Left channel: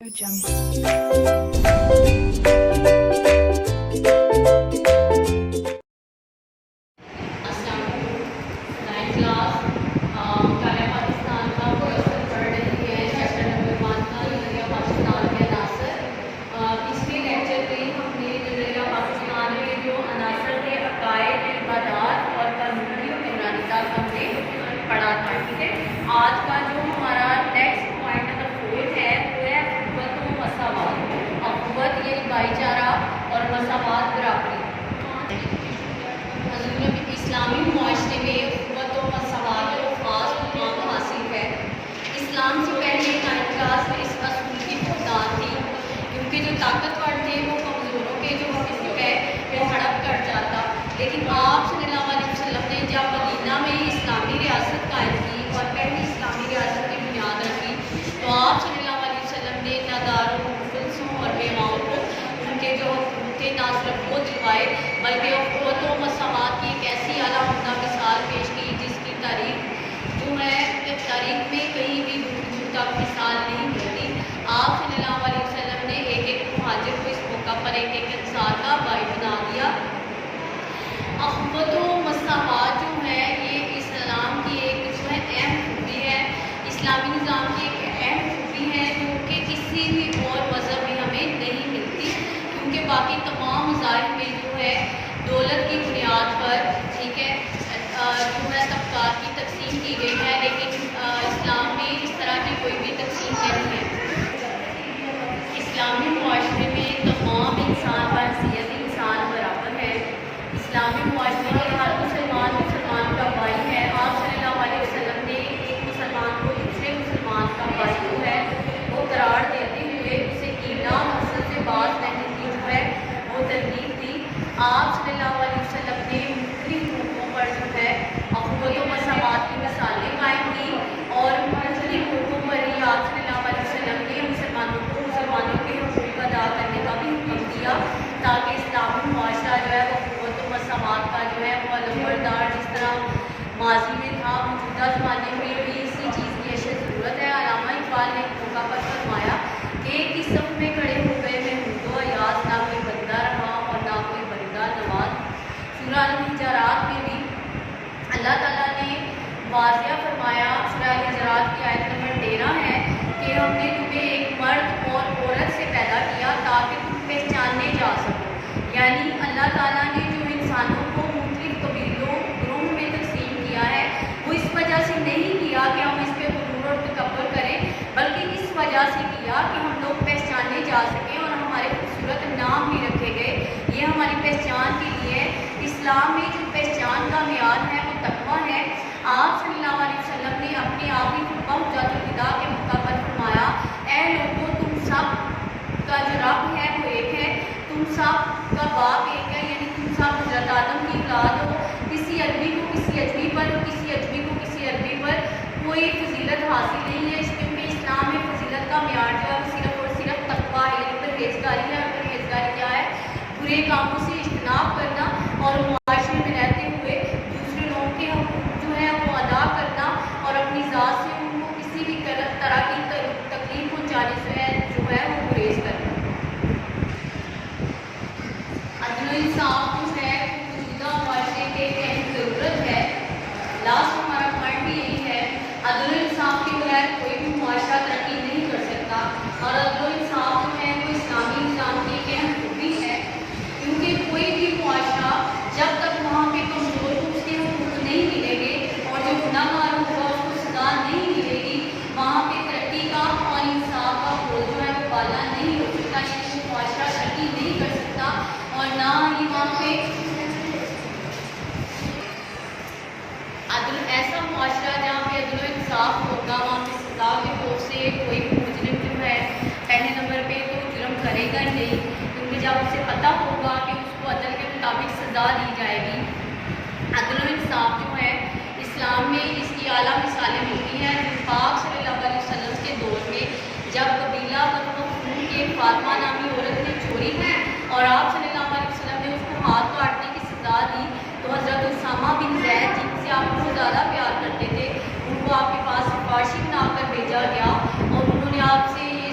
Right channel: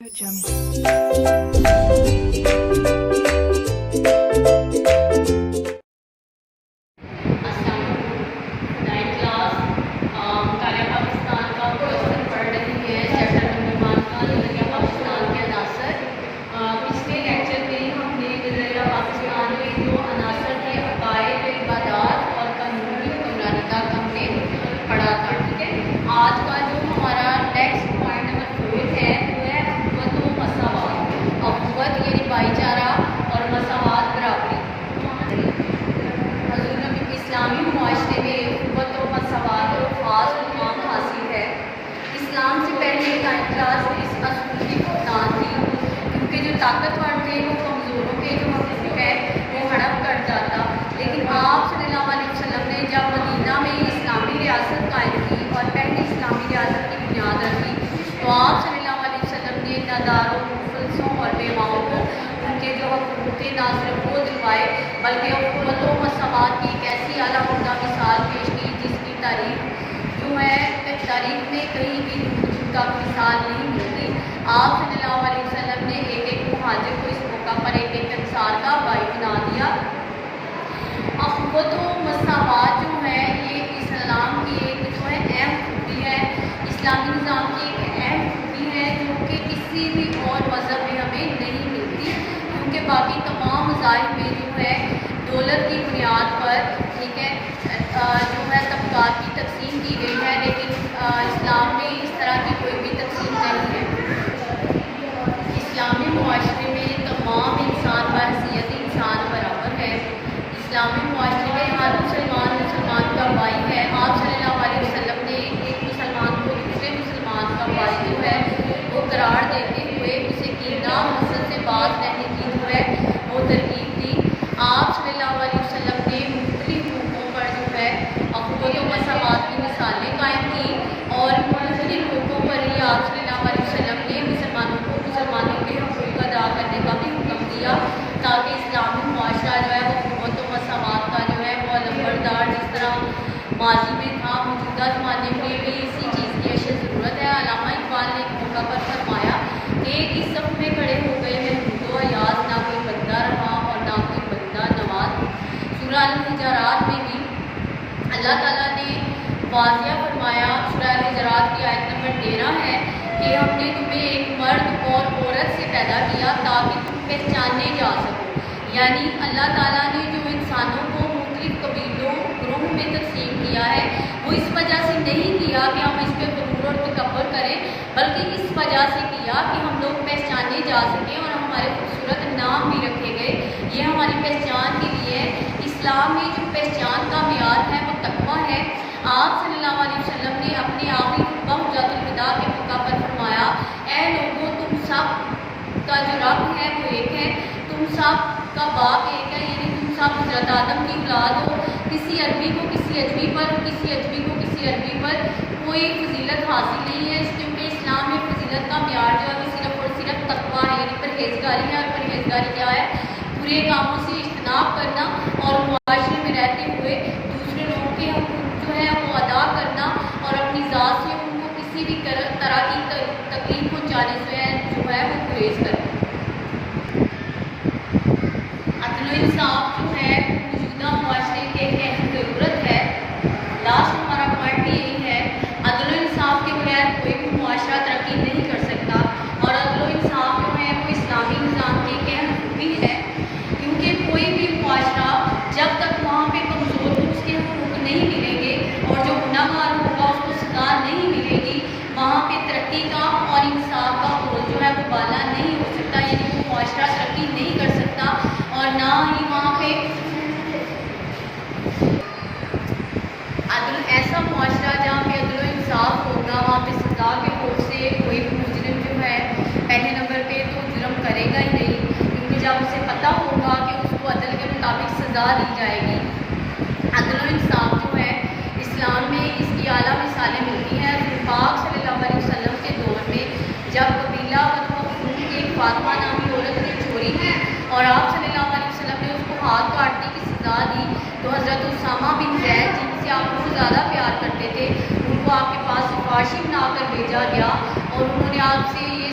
پڑھا تھا. ٹھیک ہے, آج کا جو ہمارا نیکسٹ پوائنٹ نمبر 4 ہے وہ ہے اخوت و مساوات. اخوت یعنی بھائی چارہ اور مساوات برابری. حضور اسلامی معاشرے میں اخوت و مساوات کو خاص مقام حاصل ہے. اسلام سے پہلے ٹائم کلاس میں اس اصول کی بنیاد تھی, کیونکہ جو طاقتور تھے وہ کمزوروں کے جو حقوق ہے وہ ہڑپ کر جاتا. لیکن آپ صلی اللہ علیہ وسلم نے جب مدینہ میں اسلامی ریاست قائم کی اور پہلی اسلامی ریاست کی بنیاد رکھی, تو آپ صلی اللہ علیہ وسلم نے ناداروں, مفلسوں اور بیواؤں کو ان کے جو حقوق تھے نہ صرف وہ دلوائے بلکہ اخوت و مساوات کی ایک ایسی اعلیٰ عمدہ مثال پیش کی جس کی تاریخ جو ہے تاریخ میں کہیں بھی دور تک مثال نہیں ملتی. آپ صلی اللہ علیہ وسلم نے ایک ایک مہاجر کو اس موقع پر ایک ایک انصار کا بھائی بنا دیا. اخوت و مساوات جو ہے یہ اسلام کی ایک جو ہے اہم خوبی ہے, اسلامی نظام کی ایک اہم خوبی ہے جو کہ کسی بھی اور مذہب میں ہمیں نہیں ملتی, کیونکہ باقی تمام مذاہب میں جو ہے دولت کی بنیاد پر ٹھیک ہے جو ہے طبقات کی تقسیم کی گئی ہے, لیکن اسلام میں اس طرح کی کوئی بھی تقسیم نہیں ہے. اسلامی معاشرے میں تمام انسان بحیثیت انسان برابر ہے. اسلامی معاشرے میں ہر مسلمان مسلمان کا بھائی ہے. آپ صلی اللہ علیہ وسلم نے ایک مسلمان کو دوسرے مسلمان کا بھائی جو ہے وہ قرار دیتے ہوئے اسے کینہ اور حسد سے باز رہنے کی جو ہے وہ ترغیب دی. آپ صلی اللہ علیہ وسلم نے مختلف موقعوں پر جو ہے اخوت و مساوات کی مثالیں قائم کی, اور مختلف موقعوں پر ہی آپ صلی اللہ علیہ وسلم نے مسلمانوں کو مسلمانوں کے حقوق ادا کرنے کا بھی حکم دیا, تاکہ اسلامی معاشرہ جو ہے وہ اخوت و مساوات کا جو ہے وہ علمبردار جس طرح ماضی میں تھا موجودہ زمانے میں بھی اسی چیز کی اشد ضرورت ہے. علامہ اقبال نے ایک موقع پر فرمایا کہ اس صف میں کھڑے ہو گئے ہیں ہندو ایاز, نہ کوئی بندہ رہا اور نہ کوئی بندہ نواز. سورہ الحجرات میں بھی اللہ تعالیٰ نے واضح فرمایا, سورہ الحجرات کی آیت نمبر 13 ہے کہ ہم نے تمہیں ایک مرد اور عورت سے پیدا کیا تاکہ تم پہچانے جا سکو. یعنی اللہ تعالیٰ نے جو انسانوں کو مختلف قبیلوں گروہوں میں تقسیم کیا ہے وہ اس وجہ سے نہیں کیا کہ ہم اس پہ غرور اور تکبر کریں, بلکہ اس وجہ سے کیا کہ ہم لوگ پہچانے جا سکیں اور ہمارے خوبصورت نام بھی رکھے گئے. یہ ہماری پہچان کے لیے اسلام میں جو پہچان کا معیار ہے وہ تقویٰ ہے. آپ صلی اللہ علیہ وسلم نے اپنے آخری خطبہ حجۃ الوداع کے موقع پر فرمایا, اے لوگوں تم سب کا جو رب ہے وہ ایک ہے, تم سب کا باپ ایک ہے, یعنی تم سب حضرت آدم کی اولاد ہو. کسی عربی کو کسی اجمی پر اور کسی اجمی کو کسی عربی پر کوئی فضیلت حاصل نہیں ہے, اس کیونکہ اسلام میں فضیلت کا معیار جو ہے وہ صرف اور صرف تقویٰ ہے, یعنی پرہیزگاری ہے. اور پرہیزگاری کیا ہے؟ برے کاموں سے اجتناب کرنا اور معاشرے میں رہتے ہوئے دوسرے لوگوں کے حقوق جو ہے وہ ادا کرنا اور اپنی ذات سے ان کو کسی بھی طرح کی تکلیف پہنچانے سے جو ہے وہ گریز کرنا. عدل و انصاف جو ہے موجودہ معاشرے کے ایک اہم ضرورت ہے. لاسٹ ہمارا پوائنٹ بھی یہی ہے, عدل و انصاف کے بغیر کوئی بھی معاشرہ ترقی نہیں کر سکتا, اور عدل و انصاف جو ہے وہ اسلامی نظام کی ایک اہم خوبی ہے, کیونکہ کوئی بھی معاشرہ جب تک وہاں پہ کمزور کو اس کے حقوق نہیں ملیں گے اور جو گنہگار ہوگا اس کو سزا نہیں ملے گی, وہاں پہ ترقی کا اور انصاف کا پھول جو ہے وہ بالا نہیں ہو سکتا, یعنی وہ معاشرہ ترقی نہیں کر سکتا, اور نہ ہی وہاں پہ ایسا معاشرہ جہاں پہ عدل و انصاف ہوگا وہاں پہ سزا کے طور سے کوئی بھی مجرم جو ہے پہلے نمبر پہ تو جرم کرے گا ہی نہیں, کیونکہ جب اسے پتہ ہوگا کہ اس کو عدل کے مطابق سزا دی جائے گی. عدل و انصاف جو ہے اسلام میں اس کی اعلیٰ مثالیں ملتی ہیں. پاک صلی اللہ علیہ وسلم کے دور میں جب قبیلہ بنو مخزوم کی فاطمہ نامی عورت نے چوری کی اور آپ صلی اللہ علیہ وسلم نے اس کو ہاتھ کاٹنے کی سزا دی, تو حضرت اسامہ بن زید جن سے آپ کو زیادہ پیار کرتے تھے ان کو آپ کے پاس سفارشی بنا کر بھیجا گیا, اور انہوں نے آپ سے یہ